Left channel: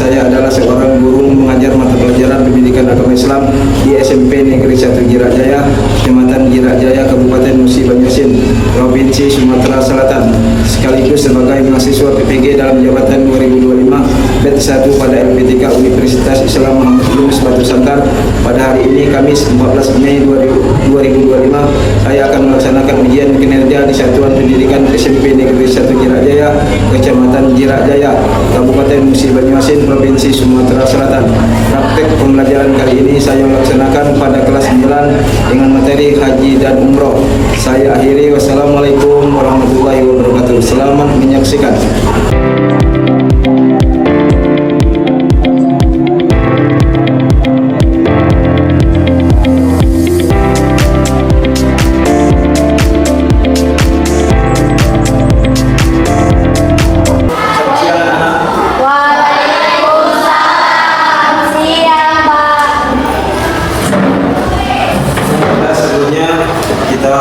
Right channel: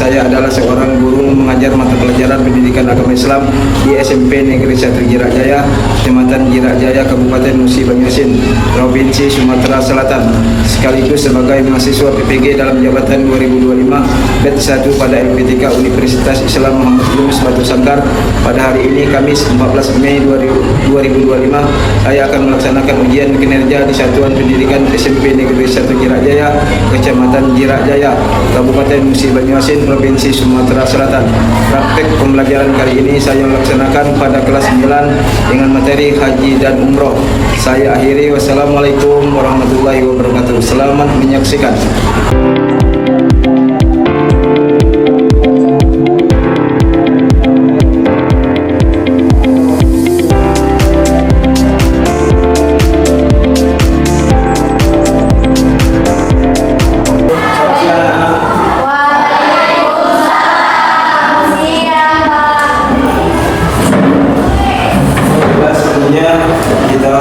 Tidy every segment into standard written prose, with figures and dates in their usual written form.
saya adalah seorang guru mengajar mata pelajaran pendidikan agama Islam di SMP Negeri 1 Jirak Jaya, Kecamatan Jirak Jaya, Kabupaten Musi Banyuasin, Provinsi Sumatera Selatan, sekaligus sebagai mahasiswa PPG dalam jabatan 2025 batch 1 pada LPTK Universitas Islam Muhammad Yunus Batu Sangkar. Pada hari ini Kamis 14 Mei 2025, saya akan melaksanakan ujian kinerja di Satuan Pendidikan SMP Negeri 1 Jirak Jaya, Kecamatan Jirak Jaya, Kabupaten Musi Banyuasin, Provinsi Sumatera Selatan. Praktek pembelajaran kali ini saya laksanakan pada kelas 9 dengan materi haji dan umroh. Saya akhiri. Wassalamualaikum warahmatullahi wabarakatuh. Selamat menyaksikan. Kita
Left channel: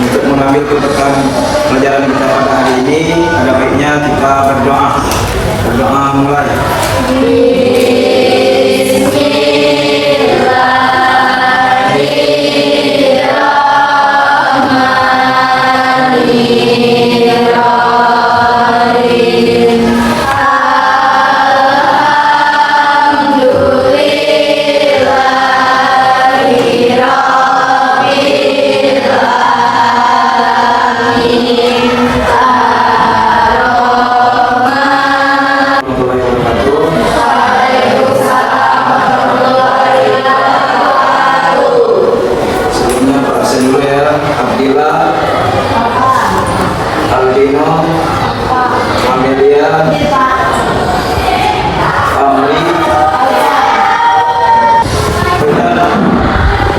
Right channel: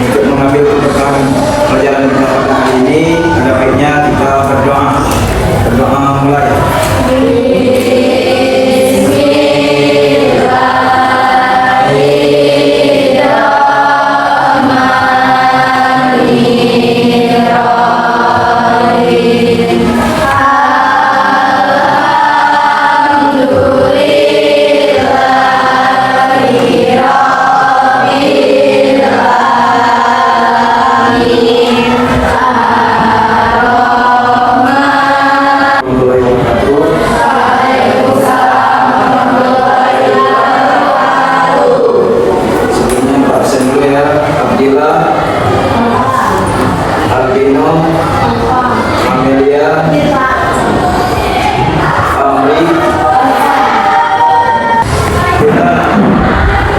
untuk mengambil keberkahan pelajaran kita pada hari ini, ada baiknya kita berdoa mulai. Aldino, Amelia, Amri.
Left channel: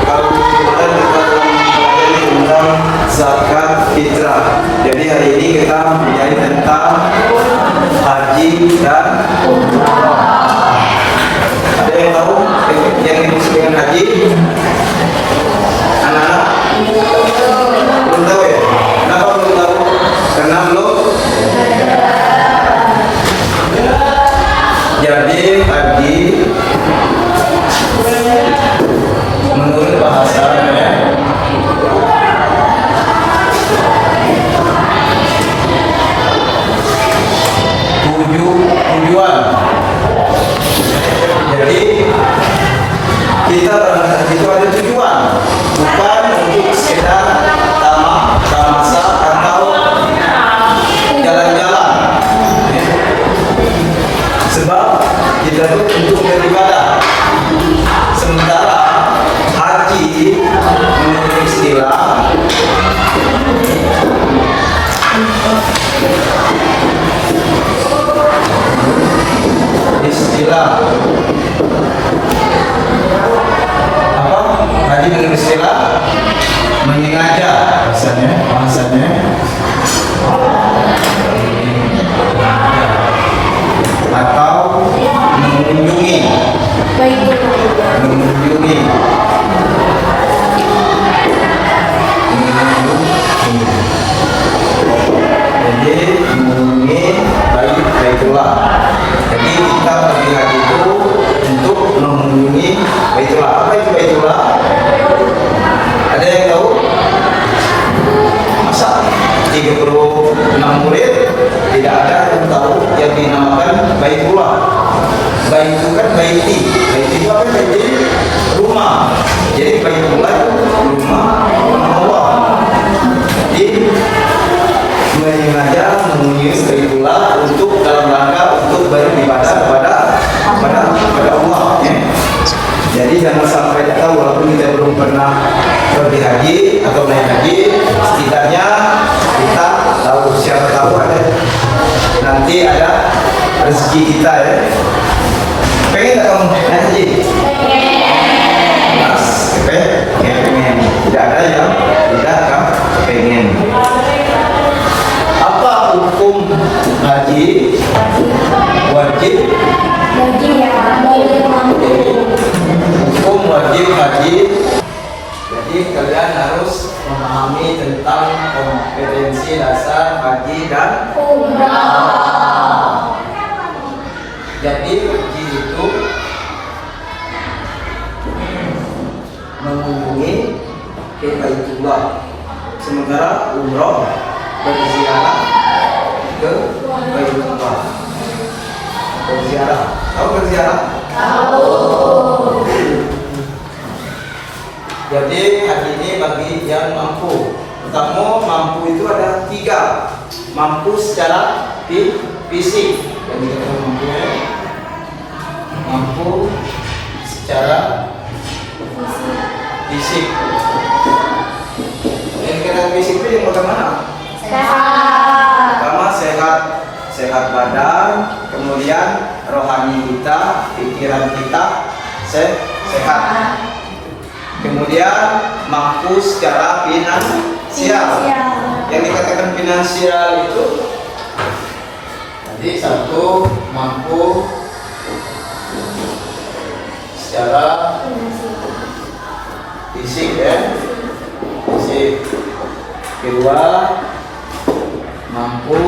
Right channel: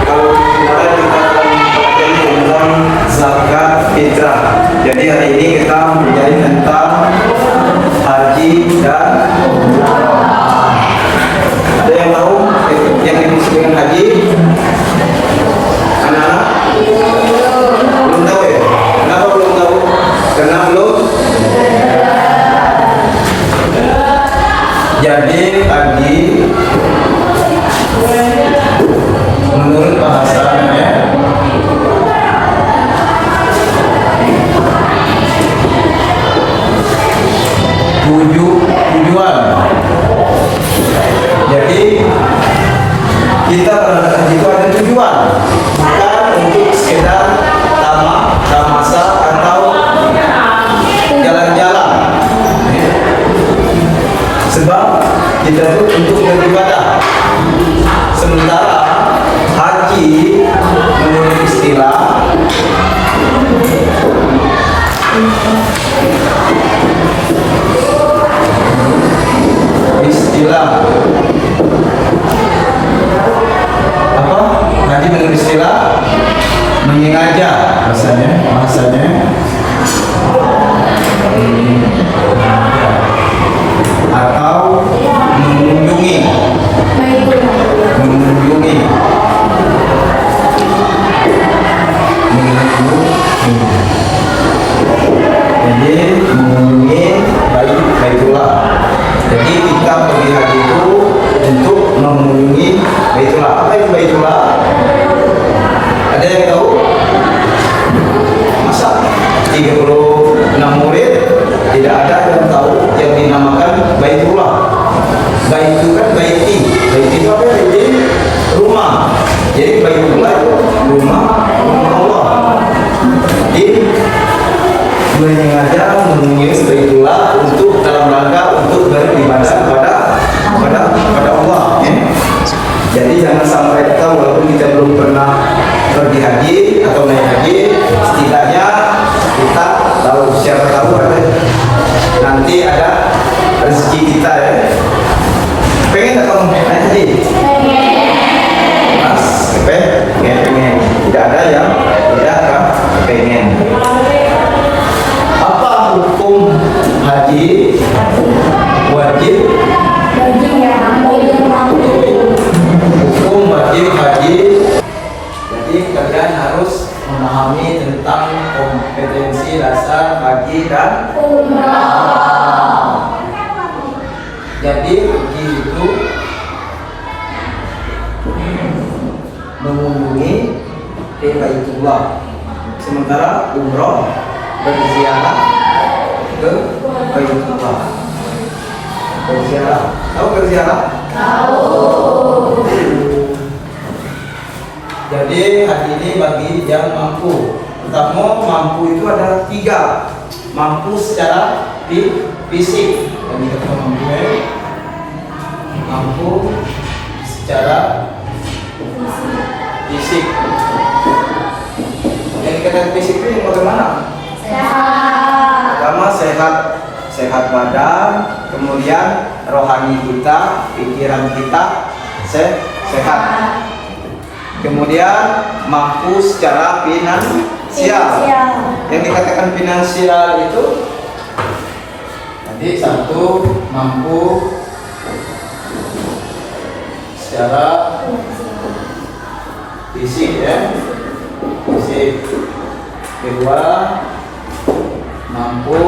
Kalau kemarin kita pelajari tentang zakat fitrah, jadi hari ini kita belajar tentang haji dan umrah. Ada yang tahu yang dimaksud dengan haji? Anak-anak? Belum tahu ya? Kenapa belum tahu? Karena belum. Jadi haji menurut bahasanya tujuan. Jadi kita berangkat haji itu ada tujuan, bukan untuk sekedar tamasa atau jalan-jalan. Sebab kita itu untuk beribadah. Sementara haji menurut istilah apa? Haji menurut istilah menyengaja bahasanya atau mengunjungi. Jadi mengunjungi Baitullah. Jadi kita pergi haji itu untuk mengunjungi Baitullah. Apa itu Baitullah? Ada yang tahu? Masa 36 murid tidak ada yang tahu yang dinamakan Baitullah. Bait itu kan baiti. Baiti itu apa? Baiti rumah. Jadi Baitullah itu rumah Allah. Jadi menyengaja mengunjungi Baitullah untuk dalam rangka untuk beribadah kepada Allah. Ya. Jadi jangan sampai kita walaupun kita belum pernah pergi haji atau naik haji, setidaknya kita tahu, siapa tahu kan nanti ada rezeki kita ya. Pengen nggak kamu naik haji? Mas, pengen. Tidak ada yang tidak kan pengen. Apa hukum haji wajib? Hukum wajib haji. Jadi kalian harus memahami tentang kompetensi dasar haji dan umrah. Jadi ke Baitullah. Sementara umroh berziarah ke Baitullah. Berziarah. Tahu berziarah? Tahu. Jadi haji ini bagi yang mampu. Pertama, mampu itu ada 3. Mampu secara fisik. Yang dikatakan mampu mampu secara fisik. Yang dikatakan fisik itu yang bagaimana? Sehat. Pertama sehat badan, kemudian rohani kita, pikiran kita sehat. Kemudian mampu secara finansial. Yang dikatakan finansial itu jadi 1 mampu secara fisik fisik. 2 mampu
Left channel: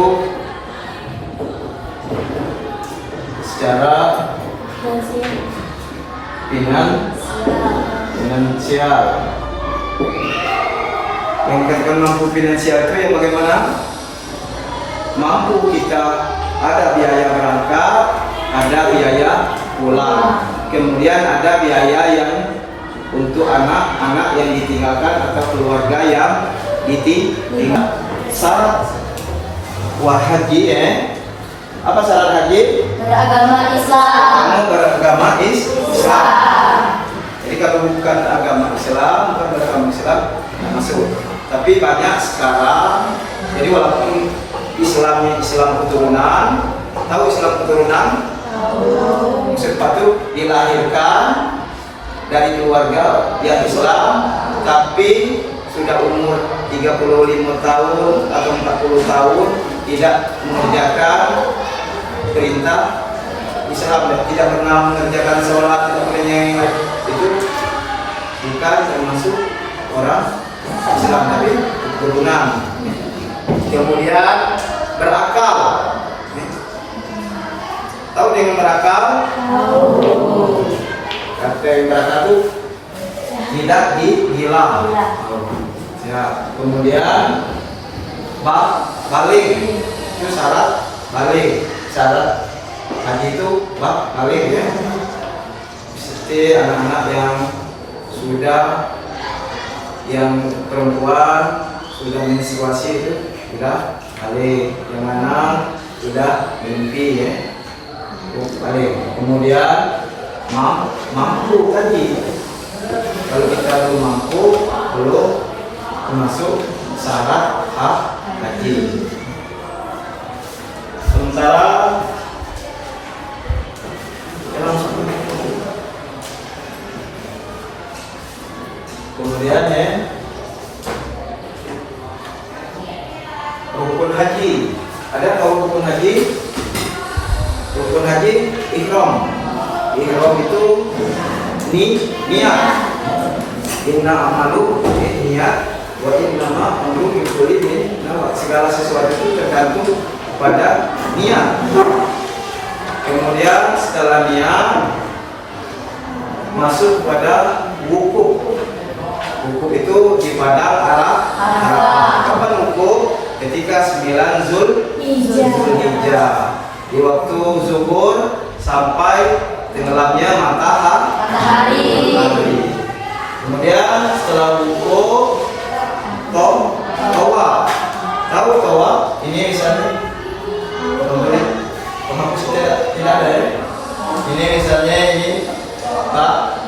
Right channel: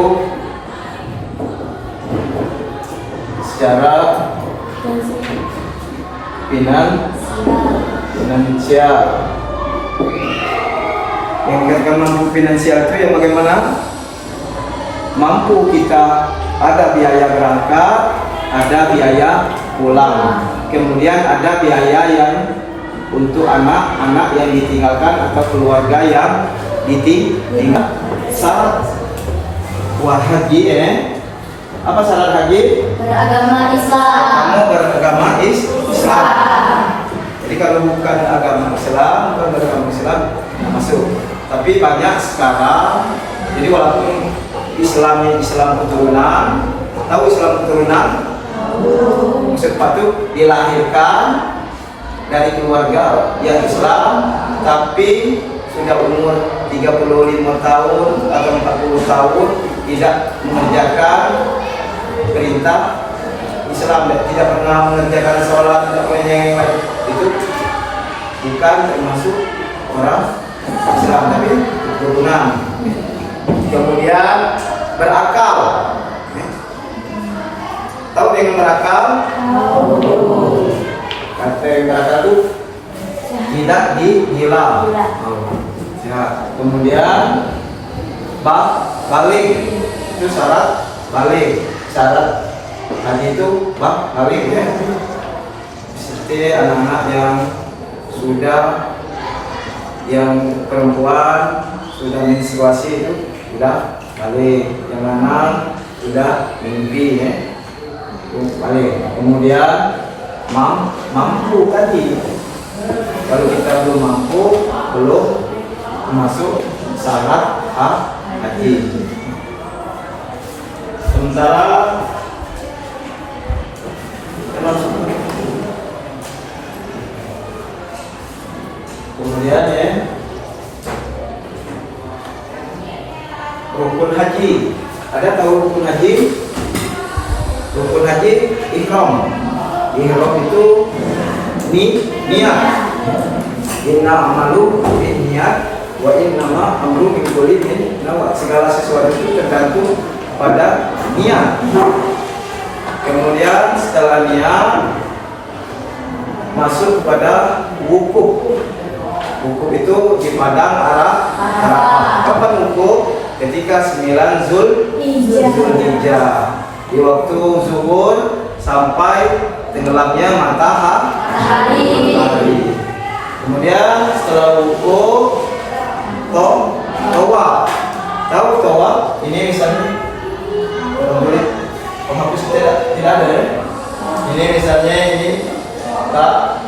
secara finansial. Yang dikatakan mampu finansial itu yang bagaimana? Mampu kita ada biaya berangkat, ada biaya pulang, kemudian ada biaya yang untuk anak-anak yang ditinggalkan atau keluarga yang ditinggal. Syarat haji apa syarat haji? Beragama Islam. Kamu beragama Islam. Jadi kalau bukan agama Islam, bukan beragama Islam, tidak masuk. Tapi banyak sekarang. Jadi walaupun Islam keturunan, tahu Islam keturunan? Maksud itu dilahirkan dari keluarga yang Islam, tapi sudah umur 35 tahun atau 40 tahun tidak mengerjakan perintah Islam, tidak pernah mengerjakan sholat atau yang lain, itu bukan termasuk orang Islam, tapi keturunan. Kemudian berakal. Tahu dengan berakal? Kata yang berakal itu tidak dihilang. Ya. Kemudian balik, itu syarat balik. Syarat haji itu balik seperti anak-anak yang sudah, yang perempuan sudah menstruasi itu sudah balik, yang anak sudah mimpi balik. Kemudian mampu tadi, kalau kita belum mampu, belum termasuk syarat haji. Sementara kemudian rukun haji. Ada tahu rukun haji? Rukun haji ihram. Ihram itu niat. Inna amalu niat wa innama amru min kulli nawa. Segala sesuatu itu tergantung pada niat. Kemudian setelah niat masuk pada wukuf. Wukuf itu di padang Arafah. Kapan wukuf? Ketika 9 Zulhijjah. Di waktu zuhur sampai tenggelamnya matahari. Kemudian setelah wukuf tawaf. Tahu tawaf? Ini misalnya penghapus tidak ada Ini misalnya ini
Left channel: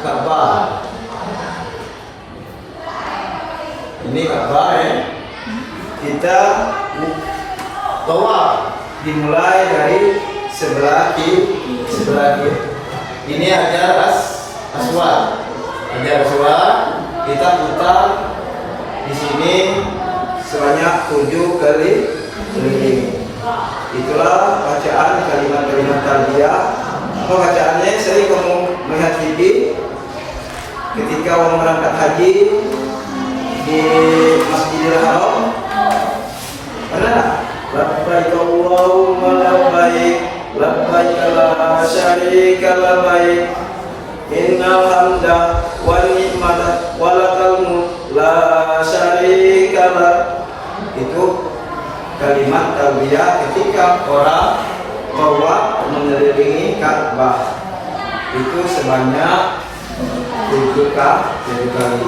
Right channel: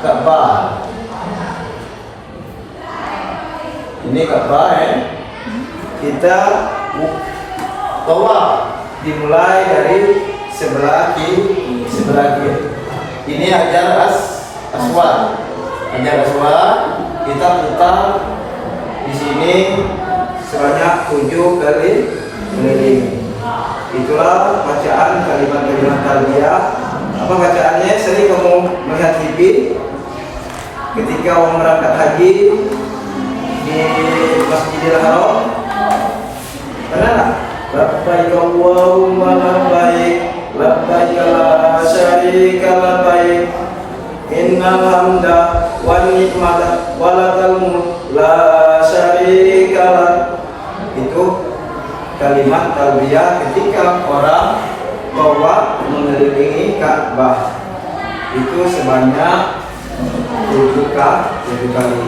Ka'bah. Ini Ka'bah kita tawaf dimulai dari sebelah kiri. Ini Hajar Aswad. Kita putar di sini sebanyak 7 kali keliling. Itulah bacaan kalimat-kalimat talbiyah. Apa bacaannya? Sering kamu melihat TV ketika orang berangkat haji di Masjidil Haram. Pernah tak? Labbaik Allahumma labbaik, labbaik la syarika labbaik, innal hamda wan ni'mata wa lakal mulk la kalimat talbiyah ketika orang tawaf mengelilingi Ka'bah. Itu sebanyak 7 kali.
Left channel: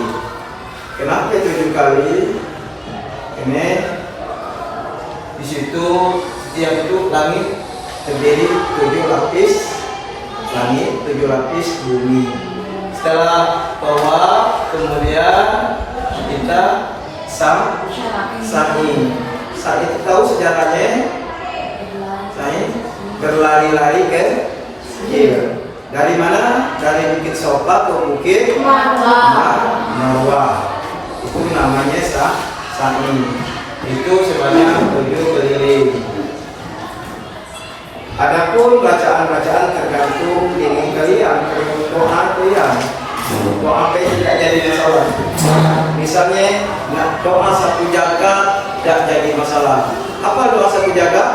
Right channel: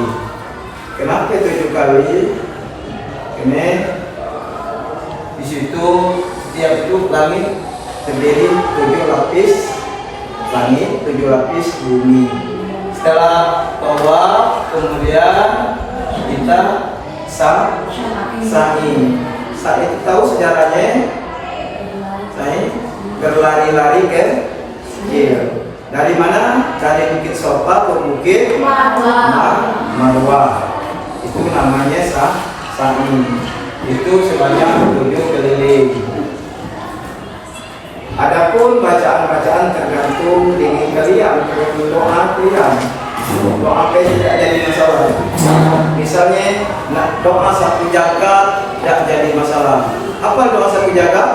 Kenapa 7 kali? Ini di situ setiap itu langit terdiri 7 lapis langit, 7 lapis bumi. Setelah tawaf kemudian kita sa'i. Sa'i itu tahu sejarahnya? Sa'i berlari-lari ke kiri. Dari mana? Dari Bukit Sofa ke Bukit Marwah. Itu namanya sa'i. Itu sebanyak 7 keliling. Adapun bacaan-bacaan tergantung dengan kalian, tergantung doa kalian. Doa apa tidak jadi masalah. Misalnya nak doa 1 jagat tidak jadi masalah. Apa doa 1 jagat?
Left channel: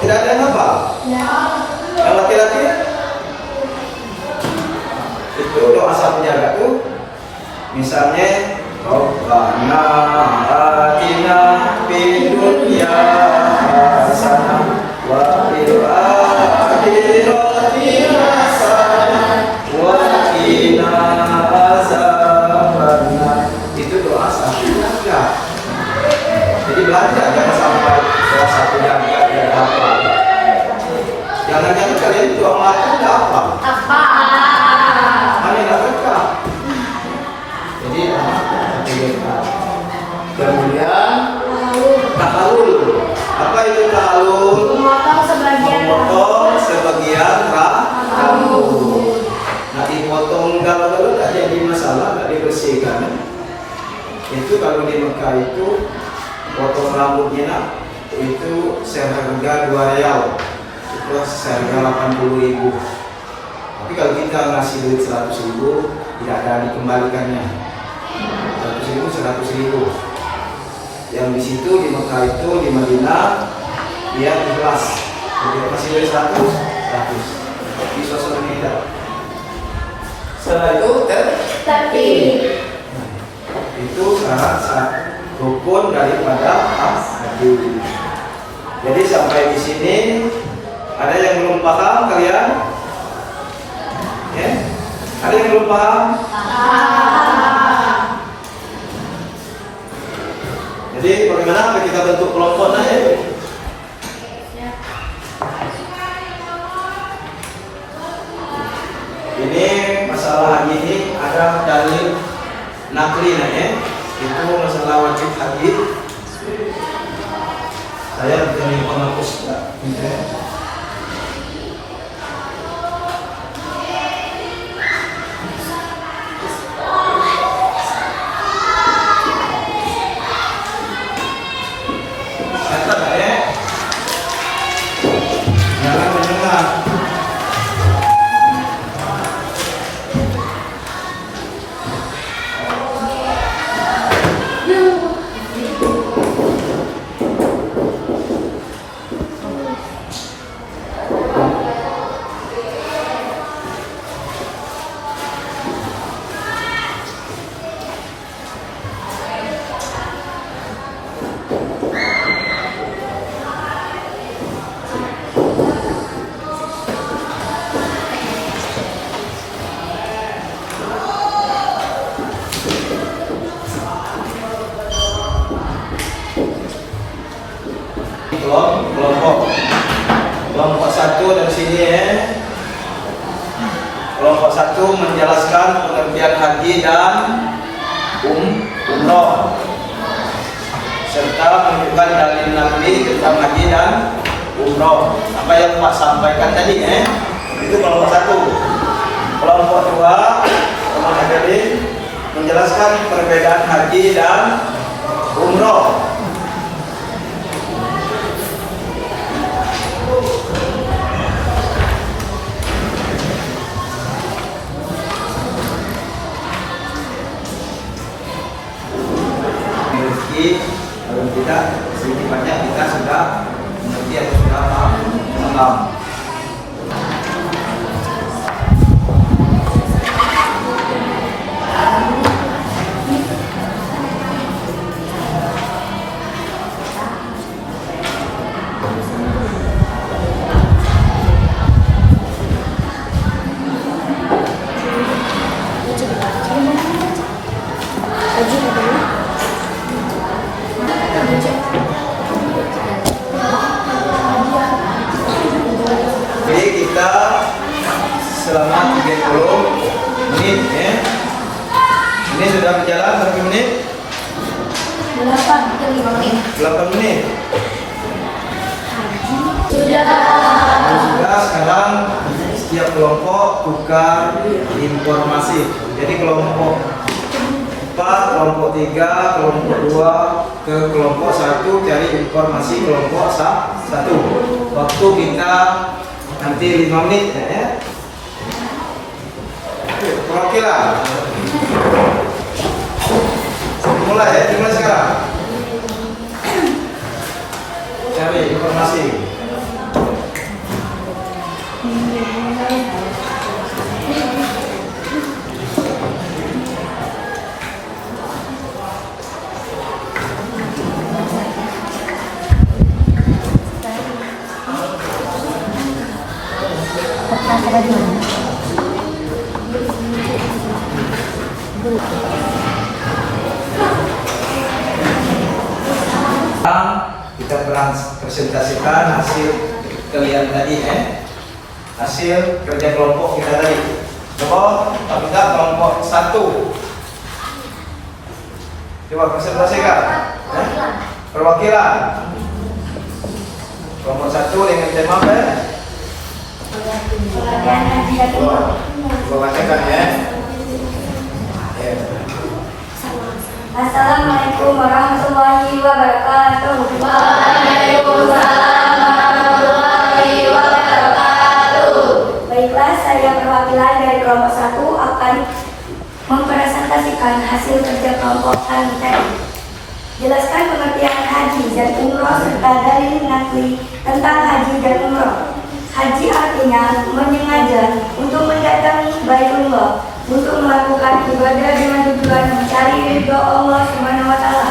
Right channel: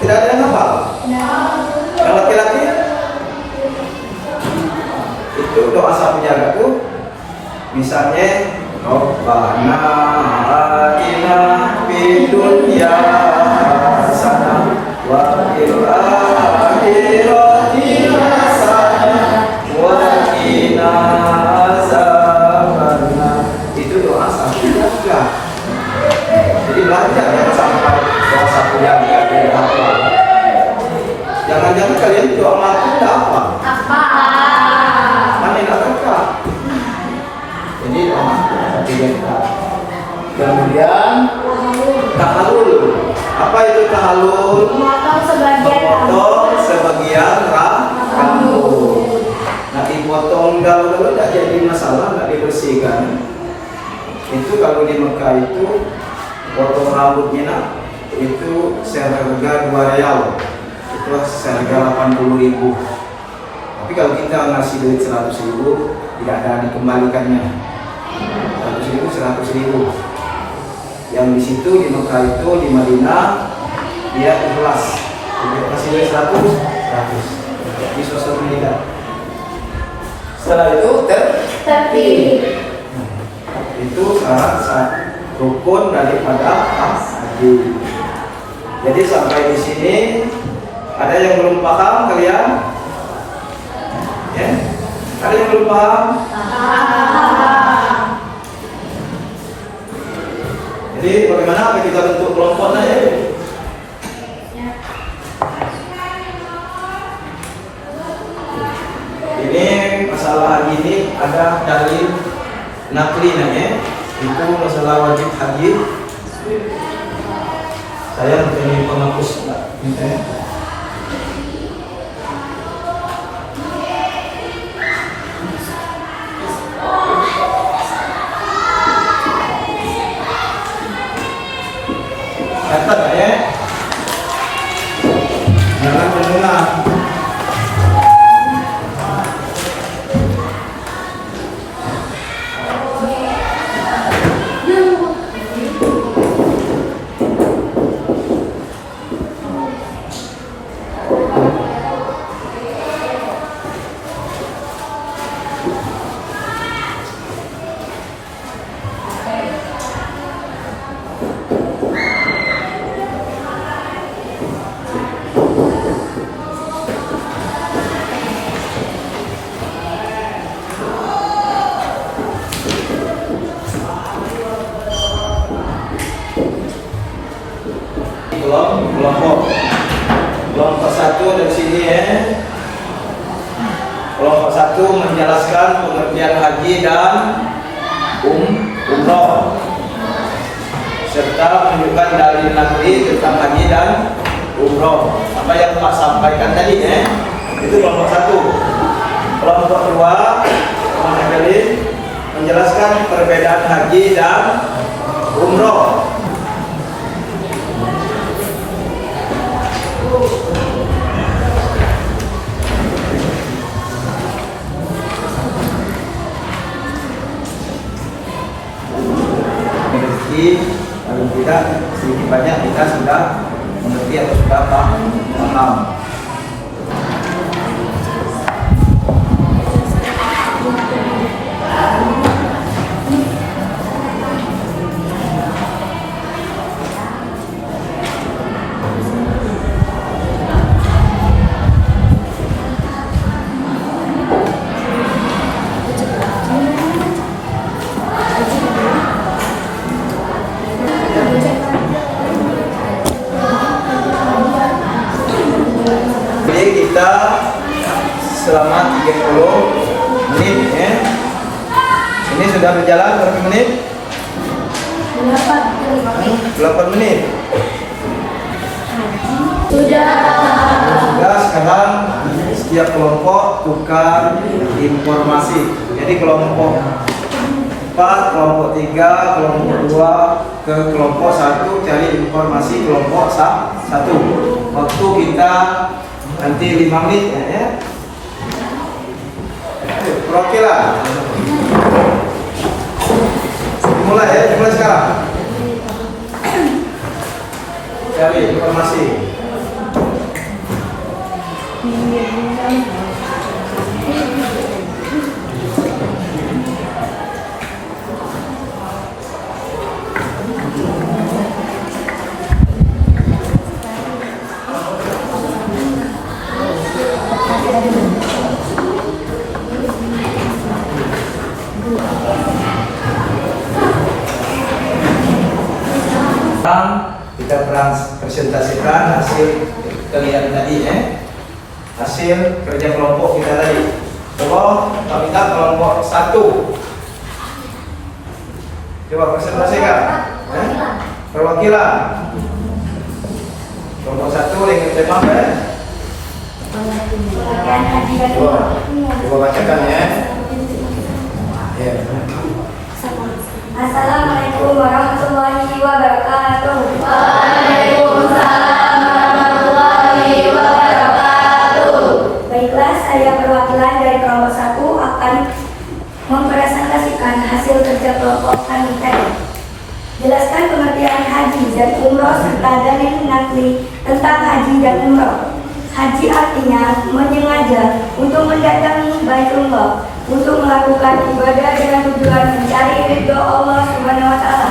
Tidak ada yang hafal. Yang laki-laki itu doa 1 jagat itu. Misalnya Rabbana atina fid dunya hasanah wa fil akhirati hasanah wa qina azabannar. Itu doa 1 jagat. Jadi belajar jangan sampai doa 1 jagat tidak hafal. Jangan-jangan kalian doa makan tidak hafal. Mana tidak berkah. Jadi doa 1 jagat. Kemudian tahalul. Apa itu tahalul? Memotong sebagian rambut. Nah, dipotong kalau tidak jadi masalah, tidak dibersihkan. Itu kalau di Mekah itu potong rambutnya itu seharga 2 rial. Itu seharga 80.000. Tapi kalau kita ngasih duit 100.000 tidak ada dikembalikannya. 100.000. Yang di situ di Mekah itu di Madinah dia ikhlas. Jadi masih duit 100. Di sosial media. Setelah itu tertib. Itu syarat rukun daripada haji. Jadi sampai di sini ada yang belum paham kalian? Ya? Ada yang belum paham? Jadi bagaimana kita bentuk kelompoknya ya? Ini masalah haji ini ada dalil nakli ya. Itu masalah wajib haji. Saya ingin penghapus ya. Kata ya, jangan mendengar. Kelompok 1 dari sini ya. Kelompok 1 menjelaskan pengertian haji dan umroh serta menunjukkan dalil nakli tentang haji dan umroh. Apa yang Pak sampaikan tadi ya. Itu kelompok 1. Kelompok 2 menjelaskan perbedaan haji dan umroh. Kalau tidak sedikit banyak kita sudah mengerti atau sudah paham. Jadi kita selama 30 menit ya. Ini sudah berjalan berapa menit? 8 menit. Sudah. Sekarang setiap kelompok tukar informasi. Jadi kelompok 4, kelompok 3, kelompok 2 ke kelompok 1 cari informasi kelompok 1. Waktu kita nanti 5 menit ya. Ayo, perwakilan. Mulai ya, dimulai sekarang. Cari informasi. Sekarang kita presentasikan hasil kalian tadi hasil kerja kelompok kita tadi. Coba kita kelompok 1. Coba presentasikan perwakilan kelompok 1 dengan tema apa ya? Coba bacakan ya. Assalamualaikum warahmatullahi wabarakatuh. Waalaikumsalam warahmatullahi wabarakatuh. Baiklah, saya perwakilan dari kelompok 1 akan mempresentasikan hasil kerja kelompok kami tadi. Jelaskan pengertian haji dan umroh serta dalil nakli tentang haji dan umroh. Haji artinya menyengaja untuk mendatangi Baitullah untuk melakukan ibadah dengan tujuan mencari ridho Allah Subhanahu wa taala.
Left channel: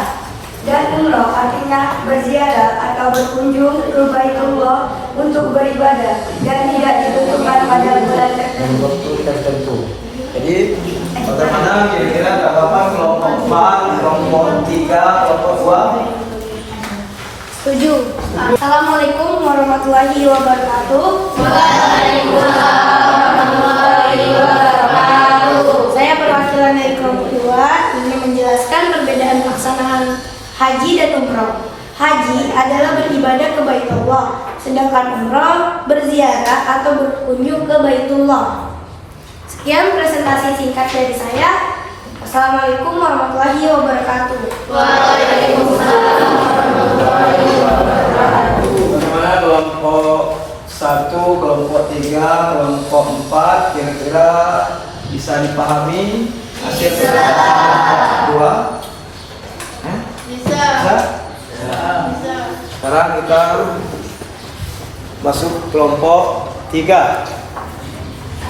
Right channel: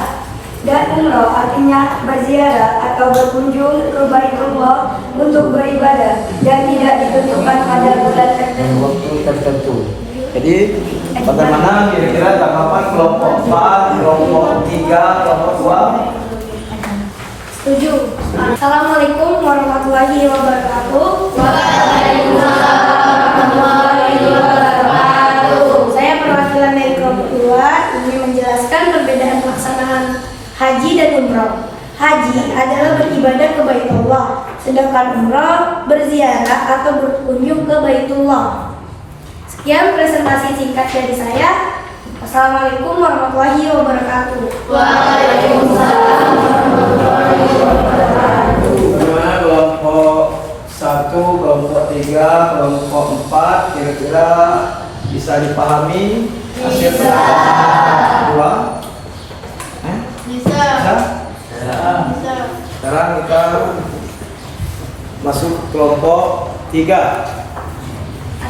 Dan umroh artinya berziarah atau berkunjung ke Baitullah untuk beribadah dan tidak ditentukan pada bulan tertentu. Jadi bagaimana kira-kira tanggapan kelompok 4, kelompok 3, kelompok 2? Setuju. Assalamualaikum warahmatullahi wabarakatuh. Waalaikumsalam warahmatullahi wabarakatuh. Saya perwakilan dari kelompok 2 ingin menjelaskan perbedaan pelaksanaan haji dan umroh. Haji adalah beribadah ke Baitullah, sedangkan umroh berziarah atau berkunjung ke Baitullah. Sekian presentasi singkat dari saya. Assalamualaikum warahmatullahi wabarakatuh. Waalaikumsalam warahmatullahi wabarakatuh. Gimana kelompok 1, kelompok 3, kelompok 4 kira-kira bisa dipahami hasil pertemuan 2? Bisa. Sekarang kita masuk kelompok 3.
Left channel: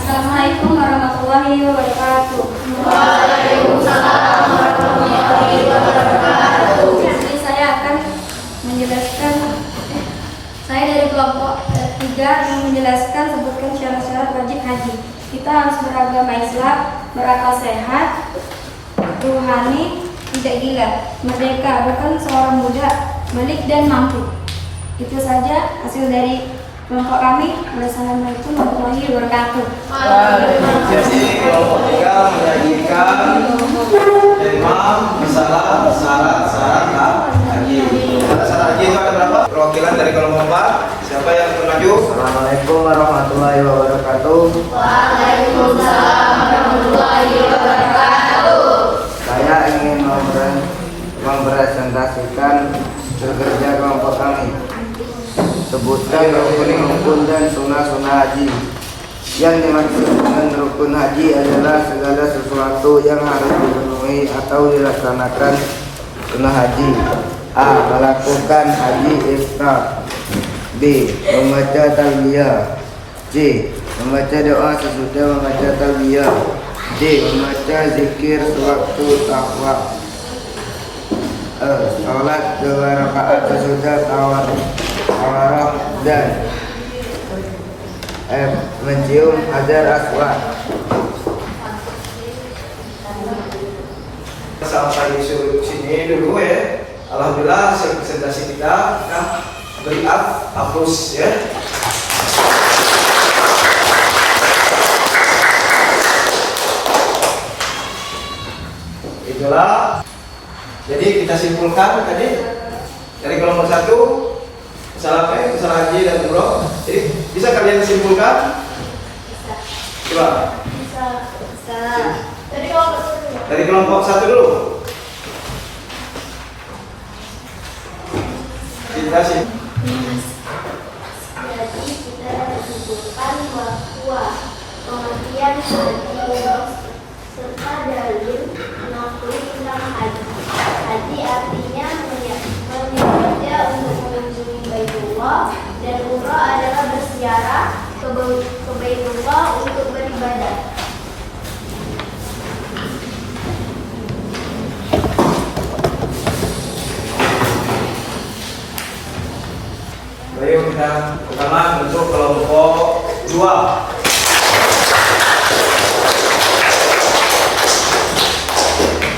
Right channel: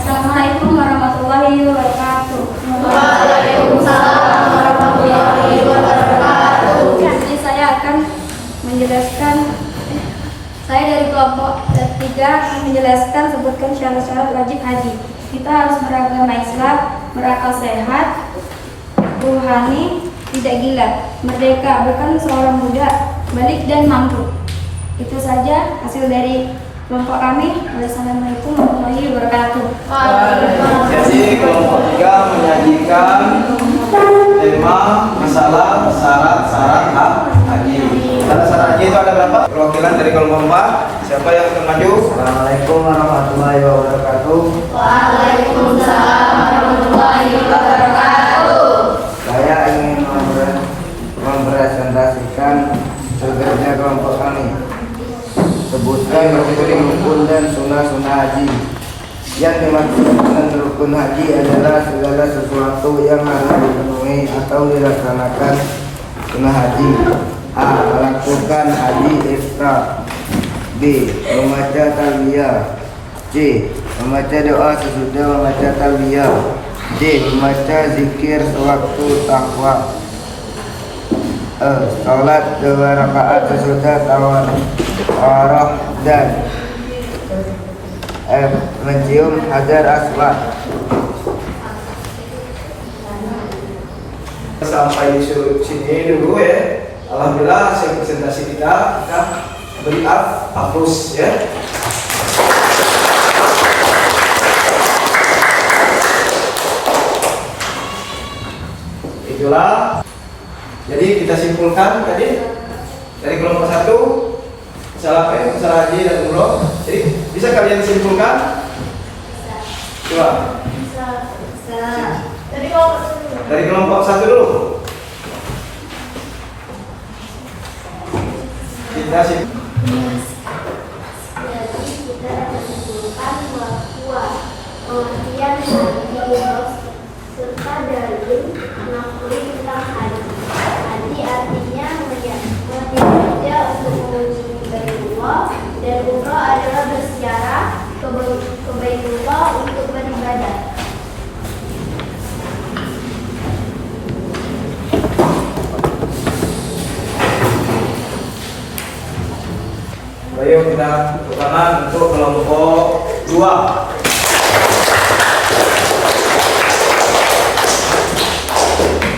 Assalamualaikum warahmatullahi wabarakatuh. Waalaikumsalam warahmatullahi wabarakatuh. Jadi saya akan menjelaskan saya dari kelompok 3 yang menjelaskan sebutkan syarat-syarat wajib haji. Kita harus beragama Islam, berakal sehat, ruhani, tidak gila, merdeka, bukan seorang muda, balik dan mampu. Itu saja hasil dari kelompok kami. Wassalamualaikum warahmatullahi wabarakatuh. Jadi kelompok 3 menyajikan tema masalah syarat-syarat haji. Syarat-syarat haji itu ada berapa? Perwakilan dari kelompok 4, siapa yang akan maju? Assalamualaikum warahmatullahi wabarakatuh. Waalaikumsalam warahmatullahi wabarakatuh. Saya ingin mempresentasikan kerja kelompok kami. Sebutkan rukun-rukun dan sunnah-sunnah haji. Yang dimaksud dengan rukun haji adalah segala sesuatu yang harus dipenuhi atau dilaksanakan sunnah haji. A. Melakukan haji ifrad. B. Membaca talbiyah. C. Membaca doa sesudah membaca talbiyah. D. Membaca zikir sewaktu tawaf. E. Salat 2 rakaat sesudah tawaf. dan F. Mencium hajar aswad. Sampai di sini dulu ya. Alhamdulillah hasil presentasi kita beri aplaus ya. Itulah. Jadi kita simpulkan tadi dari kelompok 1 masalah masalah haji dan umroh. Jadi bisa kalian simpulkan? Coba. Dari kelompok 1 dulu. Kita sih. Jadi kita simpulkan bahwa pengertian haji serta dalil mengakui tentang haji. Haji artinya menyedia untuk mengunjungi Baitullah, dan umroh adalah berziarah ke Baitullah untuk beribadah. Baik, kita pertama untuk kelompok 2.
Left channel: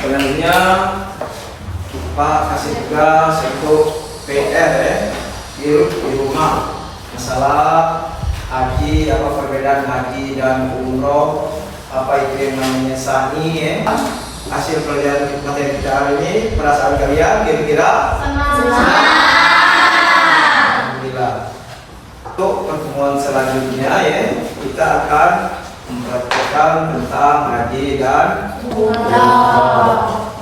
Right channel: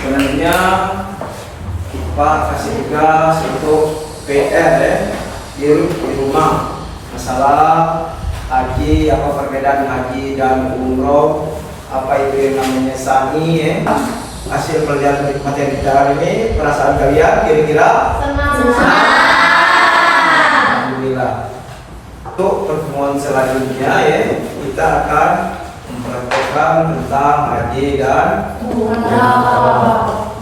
Selanjutnya Pak kasih tugas untuk PR ya, di rumah masalah haji, apa perbedaan haji dan umroh, apa itu yang namanya sani ya. Hasil pelajaran materi kita hari ini, perasaan kalian kira-kira? Alhamdulillah. Untuk pertemuan selanjutnya ya, kita akan mempraktekkan tentang haji dan umroh.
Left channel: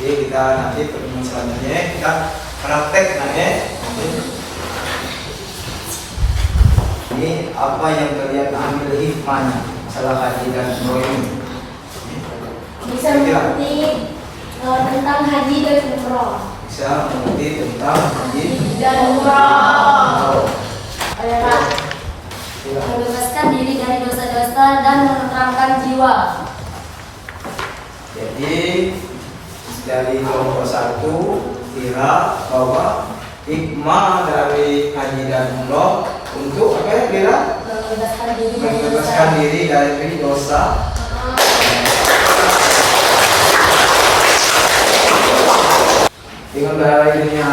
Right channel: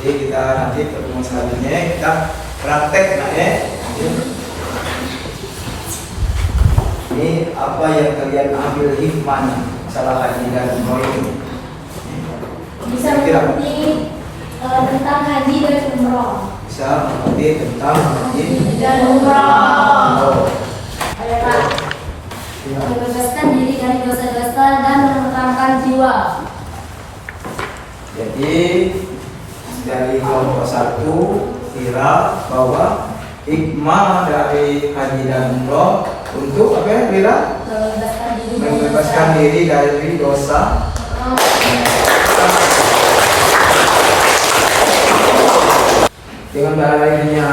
Jadi kita nanti pertemuan selanjutnya kita praktek ya. Ini apa yang kalian ambil hikmahnya masalah haji dan umroh ini? Bisa mengerti tentang haji dan umroh. Bisa mengerti tentang haji Dan umroh adalah membebaskan diri dari dosa-dosa dan menenangkan jiwa. Jadi dari kelompok 1 kira bahwa hikmah dari haji dan umroh untuk apa ya kira? Membebaskan diri dari dosa. Dengan berakhirnya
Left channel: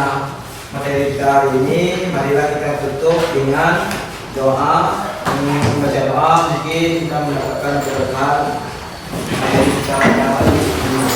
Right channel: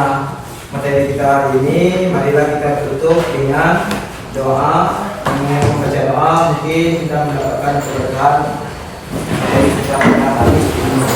materi kita hari ini, marilah kita tutup dengan doa. Membaca doa mungkin kita mendapatkan keberkahan dari kita hari ini.